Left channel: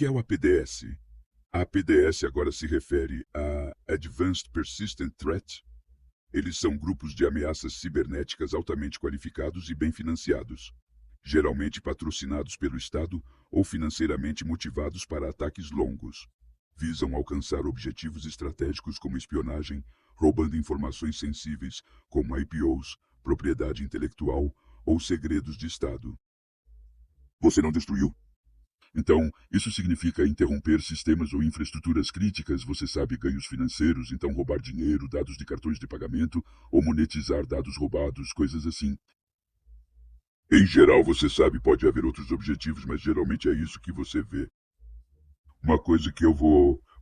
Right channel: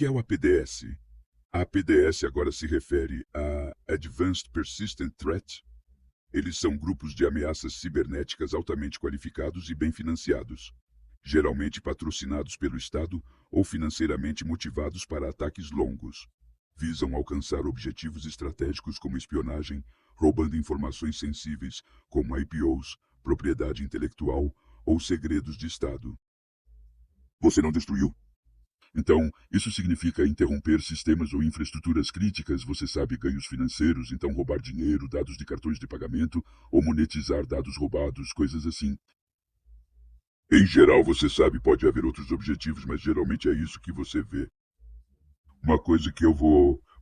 que é o APDS? A APDS agora se refere a Advanced Persistent Threat. Eles são grupos de ameaças cibernéticas altamente qualificados e bem financiados, geralmente patrocinados pelo Estado ou financeiramente motivados para ataques longos. Visam alcançar objetivos estratégicos como espionagem, roubando informações sensíveis como IPOs, propriedade intelectual ou segredos de Estado. Você não destruiu? Então, isso significa interromper sistemas ou infraestruturas críticas, você sabe, ganhos financeiros, então roubar dinheiro, dados de cartões de pagamento, ou monetizar dados roubados, coisas assim. Em geral, você sabe, pode haver outros objetivos, mas geralmente é isso que você vê. Uma coisa que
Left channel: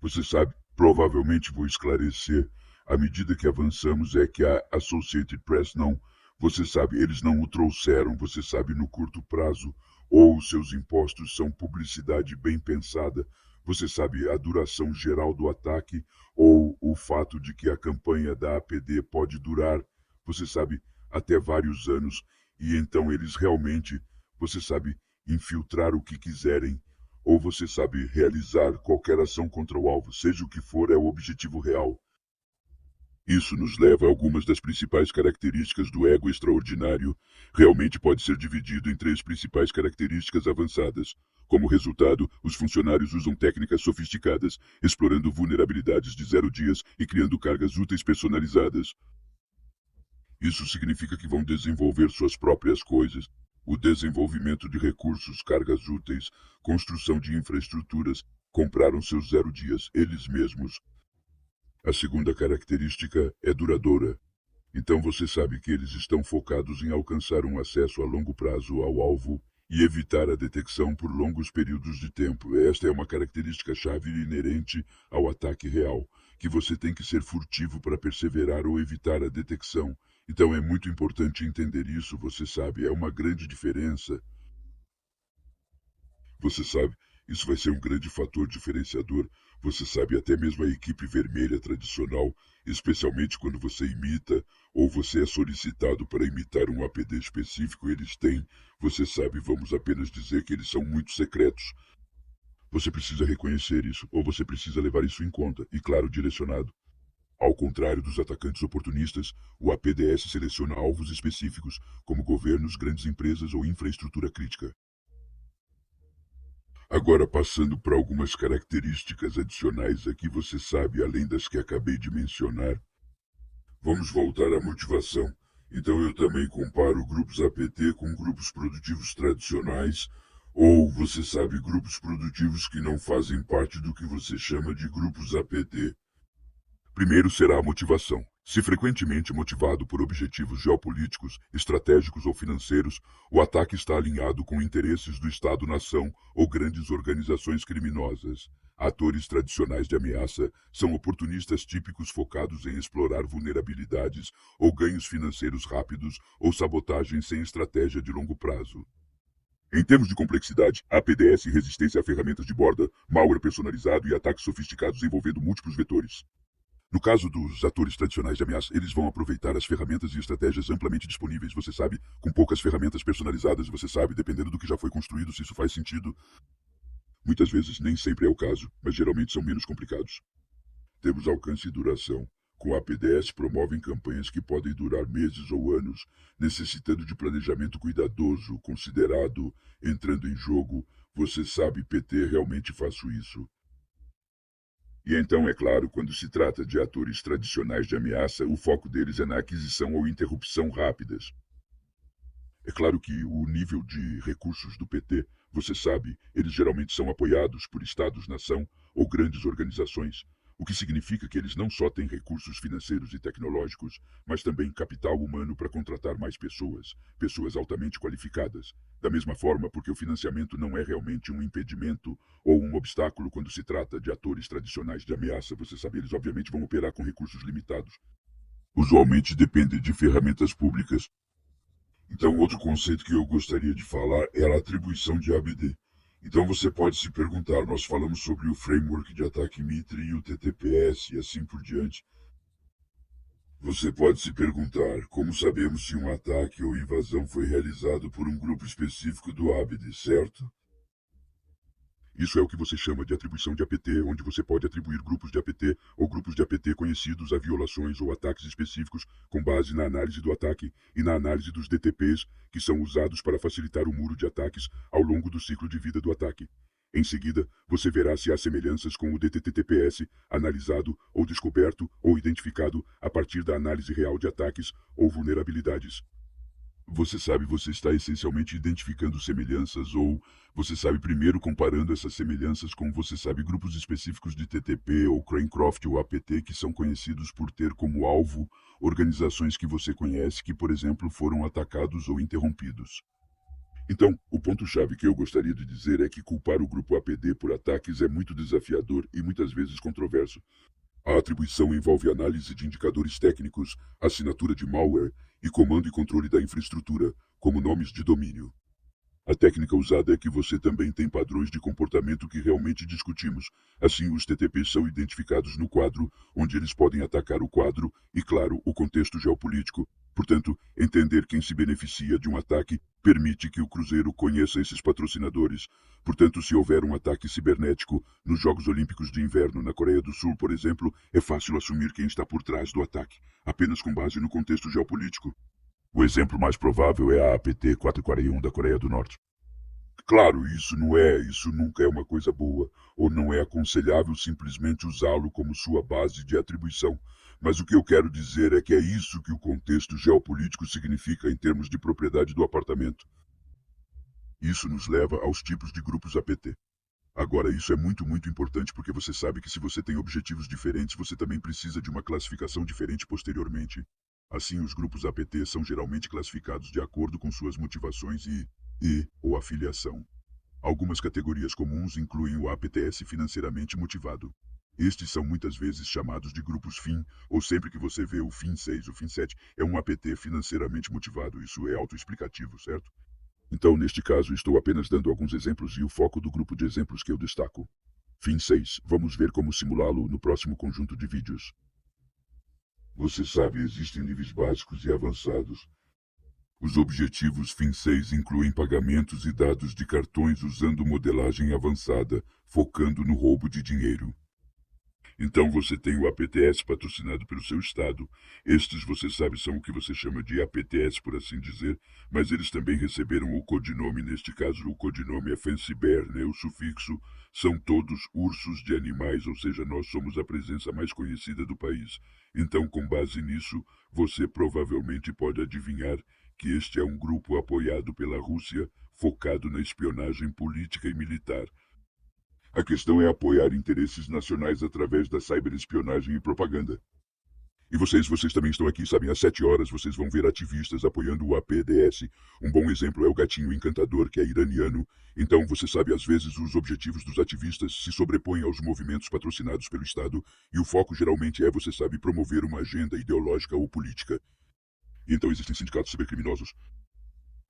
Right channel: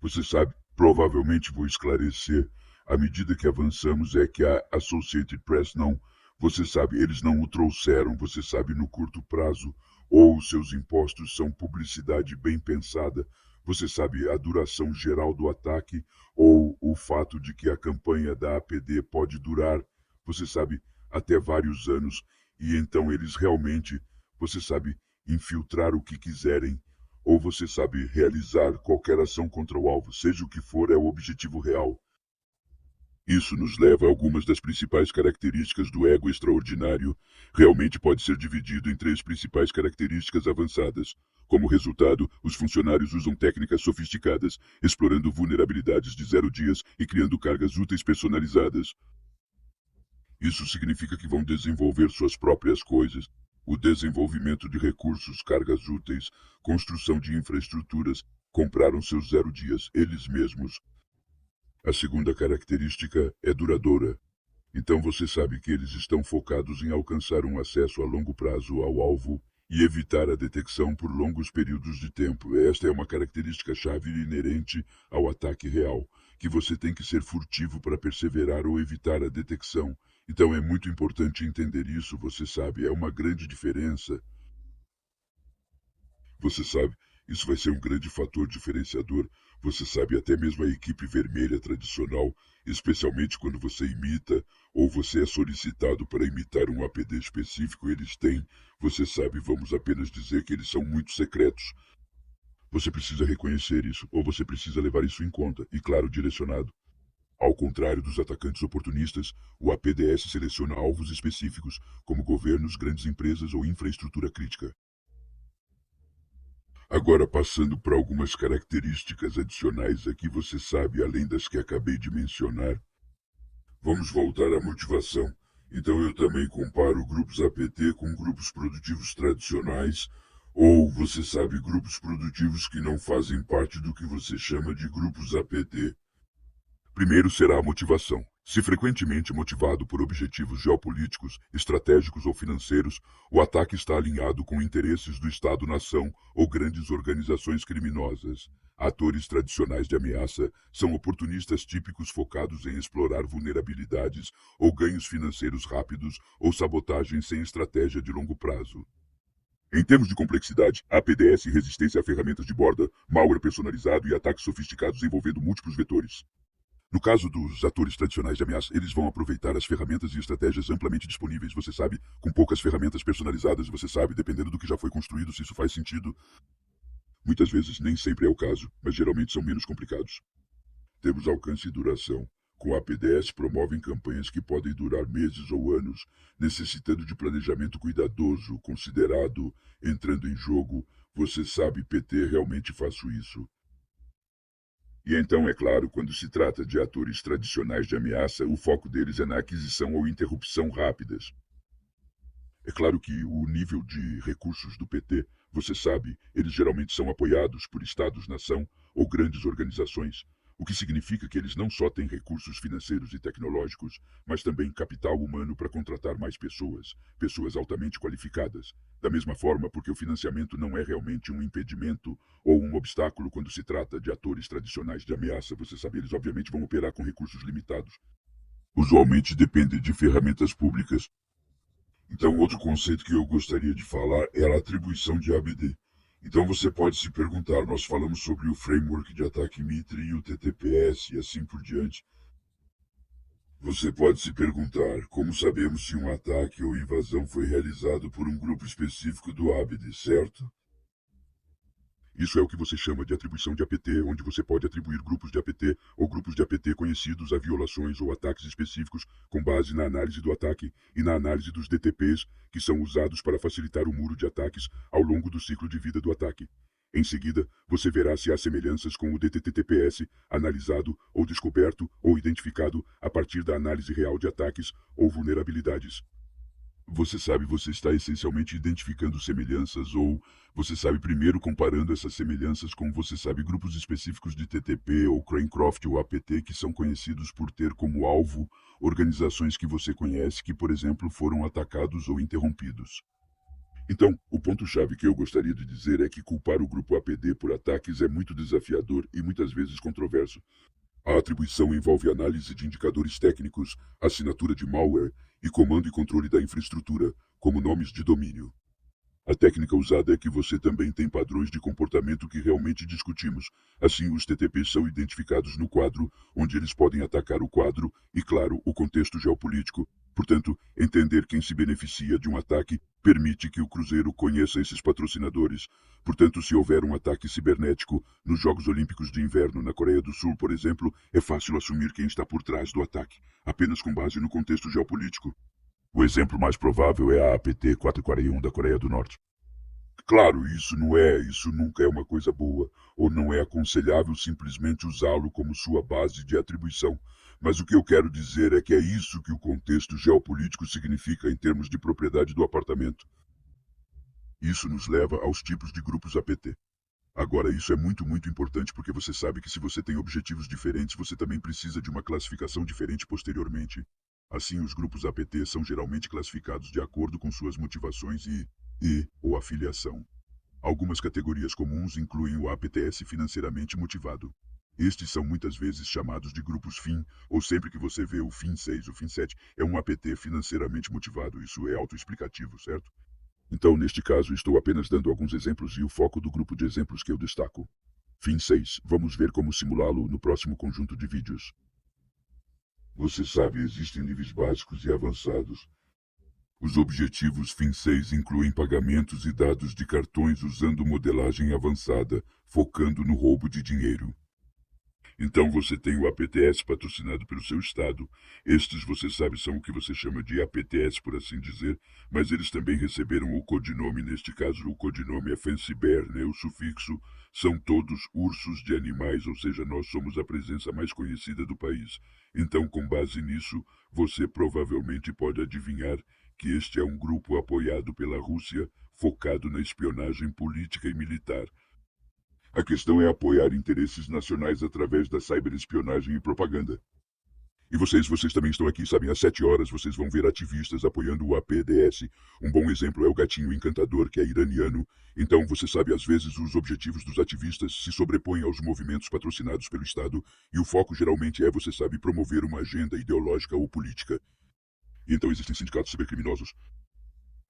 você sabe, provavelmente vou esclarecer à medida que avançamos é que a Associated Press não, você sabe, eles não o trouxeram, você sabe, no curto prazo, ou os seus impostos são publicidade bem pensada, você sabe, a duração geral do ataque, ou o fato de que a campanha da APD pode durar, você sabe, até vários anos, e então eles realmente, você sabe, infiltrar o que quiserem ou você sabe realizar qualquer ação contra o alvo, seja o que for, é o objetivo real. Isso nos leva a algumas das principais características do ego extraordinário. Realmente pode ser dividido em três principais características avançadas. Como resultado, os funcionários usam técnicas sofisticadas, explorando vulnerabilidades de 0 dias e criando cargas úteis personalizadas. Isso significa que vão desenvolver suas próprias coisas. O desenvolvimento de recursos, cargas úteis, construção de infraestruturas, compraram seus 0 dias, eles mesmos. A segunda característica é duradoura. Então você sabe que eles estão focados em alcançar um acesso a longo prazo ao alvo e evitar a detecção por longos períodos de tempo. Esta é uma característica-chave inerente ao ataque real, que você tem que ser furtivo para perseverar ou evitar a detecção. Então é muito importante entender isso, você sabe, é uma grande diferença. Você sabe, isso vai ser um grande fator diferenciador. Você sabe, até mesmo a equipe vermelha tradicional, especialmente quando você imita ou você é solicitado para imitar um APD específico, eles têm, você sabe, vamos apenas dizer que eles são muito secretos. Você precisa reconhecer isso, ou você precisa levar isso em conta, e claro, direcionado. Ao contrário dos atacantes oportunistas, o APDS seleciona alvos específicos, como governos, grandes empresas ou infraestrutura crítica. Agora, passando para algumas características adicionais aqui, você sabe, além das que acabei de mencionar, vamos voltar à motivação. Então, eu também comparo grupos APT com grupos produtivos tradicionais, ou, você sabe, grupos produtivos que não fazem parte do que você chama de grupos APT. Primeiro será a motivação. Se frequentemente motivado por objetivos geopolíticos, estratégicos ou financeiros, o ataque está alinhado com interesses do Estado-nação ou grandes organizações criminosas. Atores tradicionais de ameaça são oportunistas típicos focados em explorar vulnerabilidades ou ganhos financeiros rápidos ou sabotagem sem estratégia de longo prazo. Em termos de complexidade, há PDS e resistência a ferramentas de borda, malware personalizado e ataques sofisticados envolvendo múltiplos vetores. No caso dos atores tradicionais de ameaça, eles vão aproveitar as ferramentas e estratégias amplamente disponíveis, você sabe, com poucas ferramentas personalizadas, você sabe, dependendo do que já foi construído, se isso faz sentido. Muitas vezes nem sempre é o caso, mas geralmente são menos complicados. Temos alcance e duração. Com a PDS promovem campanhas que podem durar meses ou anos, necessitando de planejamento cuidadoso, considerado, entrando em jogo. Você sabe, PT, realmente faço isso. E então, é claro, quando se trata de atores tradicionais de ameaça, o foco deles é na aquisição ou interrupção rápidas. É claro que o nível de recursos do PT, você sabe, eles geralmente são apoiados por estados-nação ou grandes organizações, o que significa que eles não só têm recursos financeiros e tecnológicos, mas também capital humano para contratar mais pessoas, pessoas altamente qualificadas. Da mesma forma, porque o financiamento não é realmente um impedimento ou um obstáculo quando se trata de atores tradicionais de ameaça, você sabe, eles obviamente vão operar com recursos limitados. Usualmente dependem de ferramentas públicas. Então, outro conceito que eu gostaria de falar é a atribuição de ABD. Então, você pode se perguntar, nós falamos sobre o framework de ataque Mitre e o TTPS e assim por diante. Você pode se perguntar, como sabemos se um ataque ou invasão foi realizado por um grupo específico do ABD, certo? Isso é o que você chama de atribuição de APT, onde você pode atribuir grupos de APT ou grupos de APT conhecidos a violações ou ataques específicos com base na análise do ataque e na análise dos DTPs que são usados para facilitar o muro de ataques ao longo do ciclo de vida do ataque. Em seguida, você verá se há semelhanças com o DTTPS analisado ou descoberto ou identificado a partir da análise real de ataques ou vulnerabilidades. Você sabe, você está essencialmente identificando semelhanças ou você sabe primeiro comparando essas semelhanças com, você sabe, grupos específicos de TTP ou Crancraft ou APT que são conhecidos por ter como alvo organizações que você conhece que, por exemplo, foram atacados ou interrompidos. Então, o ponto-chave que eu gostaria de dizer é que culpar o grupo APD por ataques é muito desafiador e muitas vezes controverso. A atribuição envolve análise de indicadores técnicos, assinatura de malware e comando e controle da infraestrutura, como nomes de domínio. A técnica usada é que você também tem padrões de comportamento que realmente discutimos. Assim, os TTPs são identificados no quadro, onde eles podem atacar o quadro e, claro, o contexto geopolítico. Portanto, entender quem se beneficia de um ataque permite que o Cruzeiro conheça esses patrocinadores. Portanto, se houver um ataque cibernético nos Jogos Olímpicos de Inverno na Coreia do Sul, por exemplo, é fácil assumir quem está por trás do ataque, apenas com base no contexto geopolítico. O exemplo mais provável é a APT-441 da Coreia do Norte. Claro, isso nunca é uma coisa boa, ou não é aconselhável simplesmente usá-lo como sua base de atribuição. Mas o que eu quero dizer é que é isso que o contexto geopolítico significa em termos de propriedade do apartamento. Isso nos leva aos tipos de grupos APT. Agora, isso é muito importante, porque você sabe que se você tem objetivos diferentes, você também precisa de uma classificação diferente posteriormente. Assim, os grupos APT são geralmente classificados de acordo com suas motivações e ou afiliação. Algumas categorias comuns incluem o APTS financeiramente motivado. Estes são muitas vezes chamados de grupos FIN, ou sempre que você vê o FIN 6, o FIN 7, é um APT financeiramente motivado. Isso é autoexplicativo, certo? Então, neste caso, estou apenas dando alguns exemplos e o foco do grupo de exemplos que eu destaco. FIN 6. Vamos ver como simulá-lo no próximo conjunto de vídeos. Você sabe, existem níveis básicos e avançados. Os objetivos FIN 6 incluem pagamentos e dados de cartões usando modelagem avançada, focando no roubo de dinheiro. Então você tem o APTS patrocinado pelo seu estado. Estes, você sabe, são o que você chama de APTS, por assim dizer, mas eles também receberam o codinome, neste caso o codinome é Fancy Bear, né? O sufixo são todos ursos de animais, ou seja, nós somos a presença mais conhecida do país. Então, com base nisso, você provavelmente pode adivinhar que este é um grupo apoiado pela Rússia, focado na espionagem política e militar. A questão é apoiar interesses nacionais através da cyberespionagem e propaganda. E vocês também estão aqui, sabem, às 7 horas vocês vão ver ativistas apoiando o APDS. Um bom exemplo é o gatinho encantador, que é iraniano. Então, você sabe, às vezes os objetivos dos ativistas se sobrepõem aos movimentos patrocinados pelo Estado, e o foco geralmente é, você sabe, promover uma agenda ideológica ou política. Então existem sindicatos cybercriminosos.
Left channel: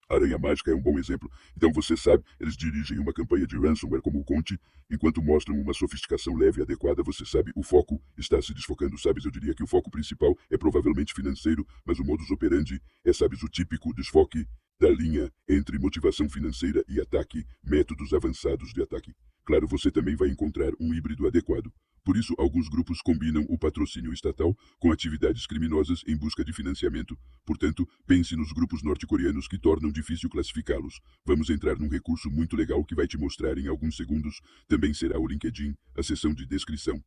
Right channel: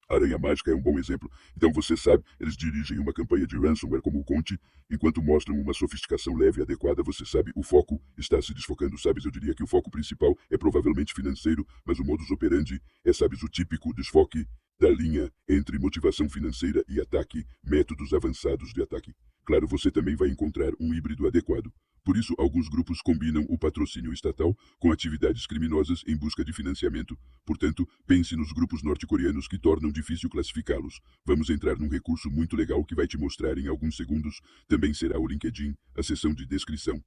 A Aranha Mágica é um bom exemplo. Então, você sabe, eles dirigem uma campanha de ransomware como o Conte, enquanto mostram uma sofisticação leve e adequada. Você sabe, o foco está se desfocando, sabes? Eu diria que o foco principal é provavelmente financeiro, mas o modus operandi é, sabes, o típico desfoque da linha entre motivação financeira e ataque, métodos avançados de ataque. Claro, você também vai encontrar um híbrido adequado. Por isso, alguns grupos combinam o patrocínio estatal com atividades criminosas em busca de financiamento. Portanto, pense nos grupos norte-coreanos que tornam difícil classificá-los. Vamos entrar num recurso muito legal que vai te mostrar em alguns segundos. Também será o LinkedIn, a seção de descrição.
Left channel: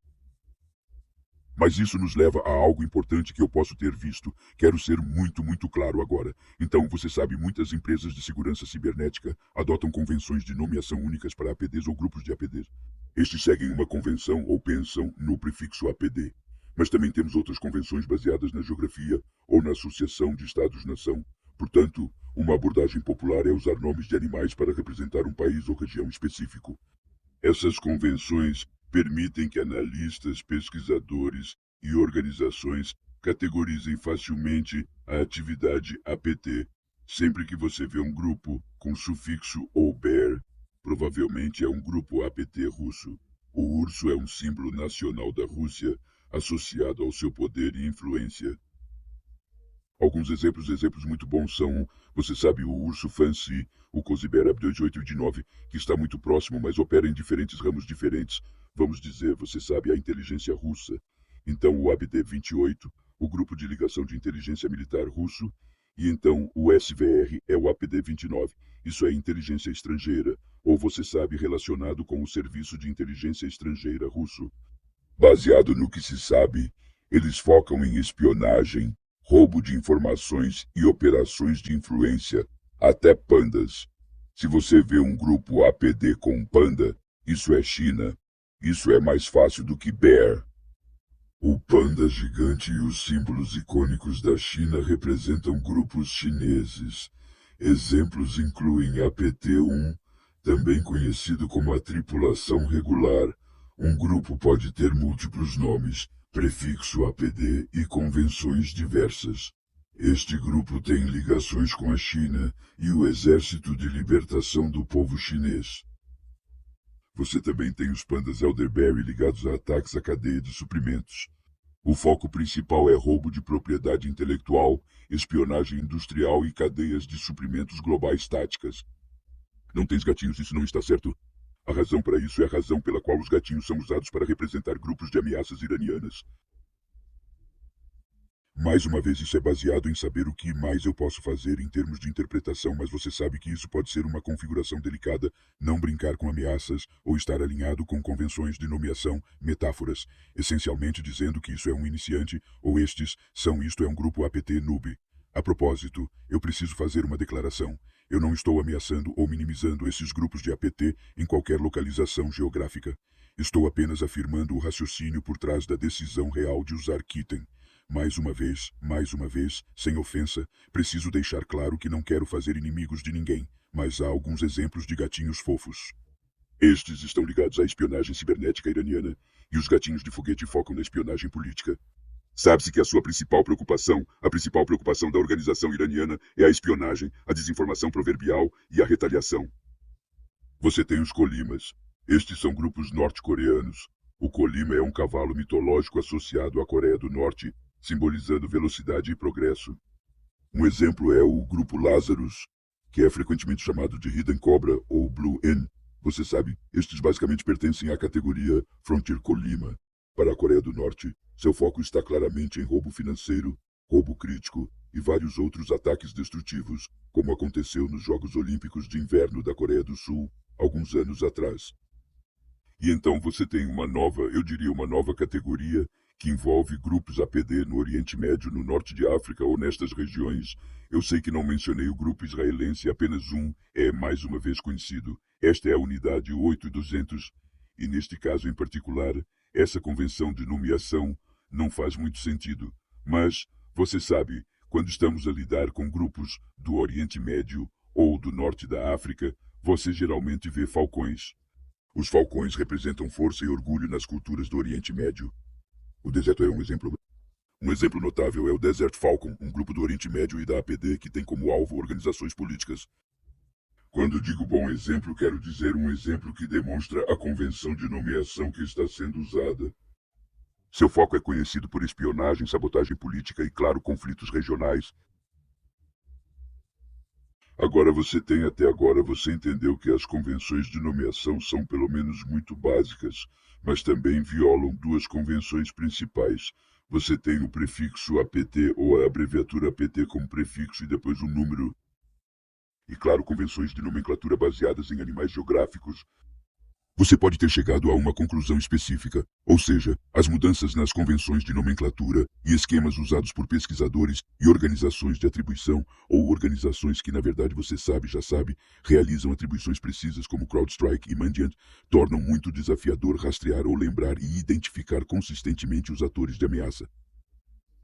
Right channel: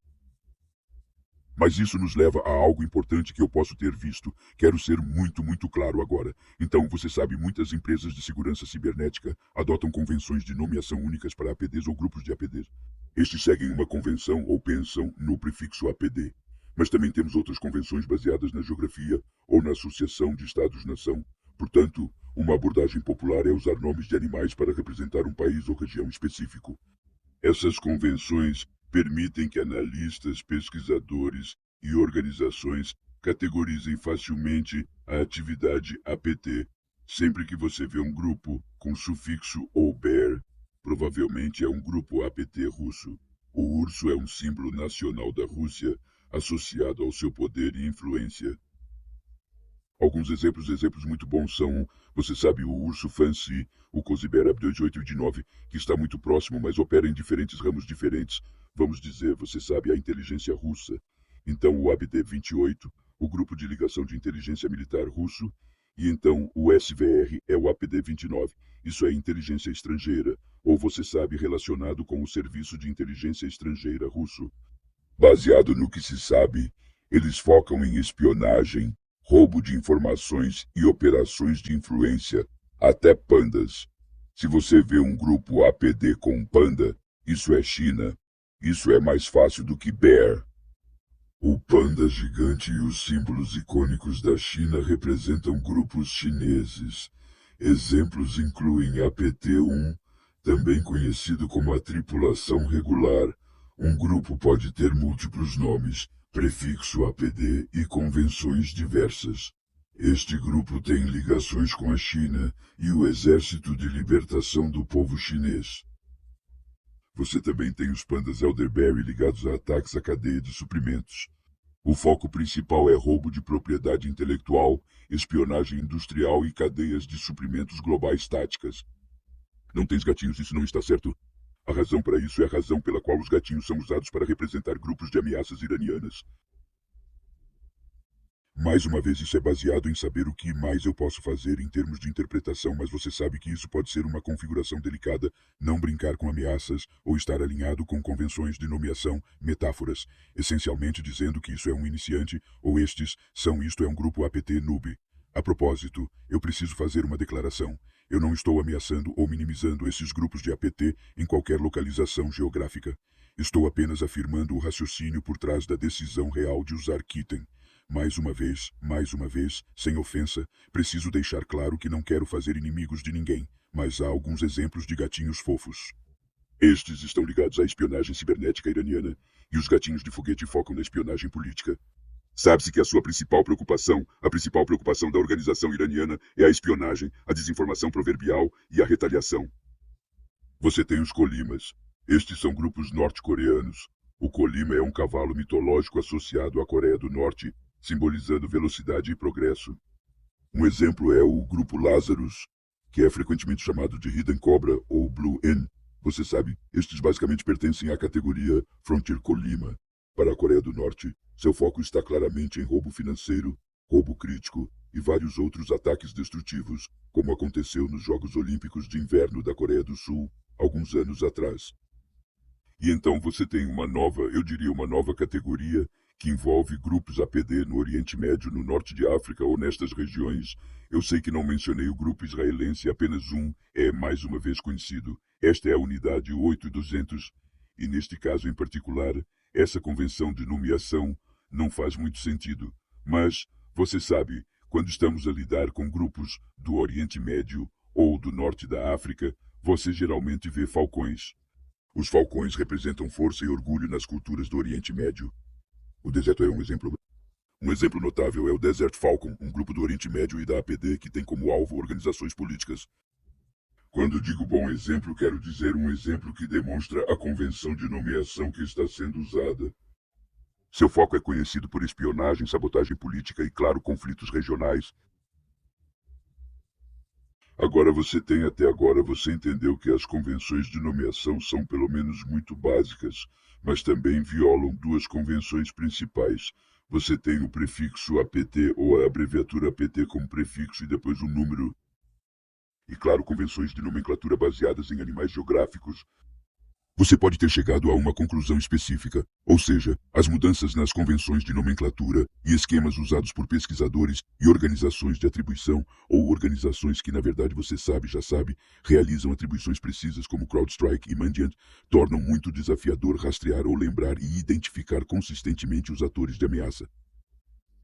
Mas isso nos leva a algo importante que eu posso ter visto. Quero ser muito claro agora. Então, você sabe, muitas empresas de segurança cibernética adotam convenções de nomeação únicas para APDs ou grupos de APDs. Estes seguem uma convenção ou pensam no prefixo APD. Mas também temos outras convenções baseadas na geografia ou na associação de Estados-nação. Portanto, uma abordagem popular é usar nomes de animais para representar um país ou região específico. Essas convenções permitem que analistas, pesquisadores e organizações categorizem facilmente a atividade APT. Sempre que você vê um grupo com sufixo ou bear, provavelmente é um grupo APT russo. O urso é um símbolo nacional da Rússia, associado ao seu poder e influência. Alguns exemplos muito bons são, Você sabe, o urso Fancy, o Cosibera 28 e o de 9, que está muito próximo, mas opera em diferentes ramos diferentes. Vamos dizer, você sabe, a inteligência russa. Então, o ABD-28, o Grupo de Ligação de Inteligência Militar Russo, e então o SVR é o APD-29. Isso é inteligência estrangeira, ou você sabe, relacionado com o Serviço de Inteligência Estrangeira Russo. Baseado no que se sabe, eles focam em espionagem, roubo de informações e operações de influência, até pandas. Se você vê um grupo APD com panda, isso é China. Isso é mais fácil do que Bear. O panda gigante e os símbolos icônicos da China representam grupos chineses. Exemplos incluem APT-1, também conhecido como a tripulação regular. Um grupo pode ter múltiplos nomes, prefixo APD e convenções diversas. Este grupo tem ligações com a China e o Exército de Libertação do Povo Chinês. Você também tem os pandas Elderberry ligados a ataques à cadeia de suprimentos. O foco principal é roubo de propriedade intelectual, espionagem industrial e cadeias de suprimentos globais táticas. Não tens gatinhos, isso não está certo. A razão para isso é a razão pela qual os gatinhos são usados para representar grupos de ameaças iranianas. Mais uma vez, isso é baseado em saber o que mais eu posso fazer em termos de interpretação, mas você sabe que isso pode ser uma configuração delicada, não brincar com ameaças ou estar alinhado com convenções de nomeação, metáforas, essencialmente dizendo que isso é um iniciante ou estes são isto é um grupo APT noob. A propósito, eu preciso fazer uma declaração. Eu não estou ameaçando ou minimizando esses grupos de APT em qualquer localização geográfica. Estou apenas afirmando o raciocínio por trás da decisão real de usar Kitten. Mais uma vez, sem ofensa, preciso deixar claro que não quero fazer inimigos de ninguém, mas há alguns exemplos de gatinhos fofos. Estes estão ligados à espionagem cibernética iraniana, e os gatinhos de foguete focam na espionagem política. Sabe-se que a principal preocupação da organização iraniana é a espionagem, a desinformação proverbial e a retaliação. Você tem os Kolimas. Estes são grupos norte-coreanos. O Kolima é um cavalo mitológico associado à Coreia do Norte, simbolizando velocidade e progresso. Um exemplo é o Grupo Lazarus, que é frequentemente chamado de Hidden Cobra ou Blue N. Você sabe, estes basicamente pertencem à categoria Frontier Kolima. Para a Coreia do Norte, seu foco está claramente em roubo financeiro, roubo crítico e vários outros ataques destrutivos, como aconteceu nos Jogos Olímpicos de Inverno da Coreia do Sul, alguns anos atrás. E então você tem uma nova categoria que envolve grupos APD no Oriente Médio, no norte de África ou nestas regiões. Eu sei que não mencionei o grupo israelense, apenas um é mais uma vez conhecido. Esta é a unidade 8200, e neste caso em particular, essa convenção de nomeação não faz muito sentido. Mas, você sabe, quando estamos a lidar com grupos do Oriente Médio ou do norte da África, você geralmente vê falcões. Os falcões representam força e orgulho nas culturas do Oriente Médio. O deserto é um exemplo. Um exemplo notável é o Desert Falcon, um grupo do Oriente Médio e da APD que tem como alvo organizações políticas. Quando digo bom exemplo, quero dizer um exemplo que demonstra a convenção de nomeação que está sendo usada. Seu foco é conhecido por espionagem, sabotagem política e, claro, conflitos regionais. Até agora você entendeu que as convenções de nomeação são pelo menos muito básicas, mas também violam duas convenções principais. Você tem o prefixo APT ou a abreviatura APT como prefixo e depois um número. E claro, convenções de nomenclatura baseadas em animais geográficos. Você pode ter chegado a uma conclusão específica, ou seja, as mudanças nas convenções de nomenclatura e esquemas usados por pesquisadores e organizações de atribuição, ou organizações que, na verdade, você já sabe, realizam atribuições precisas como CrowdStrike e Mandiant, tornam muito desafiador rastrear ou lembrar e identificar consistentemente os atores de ameaça.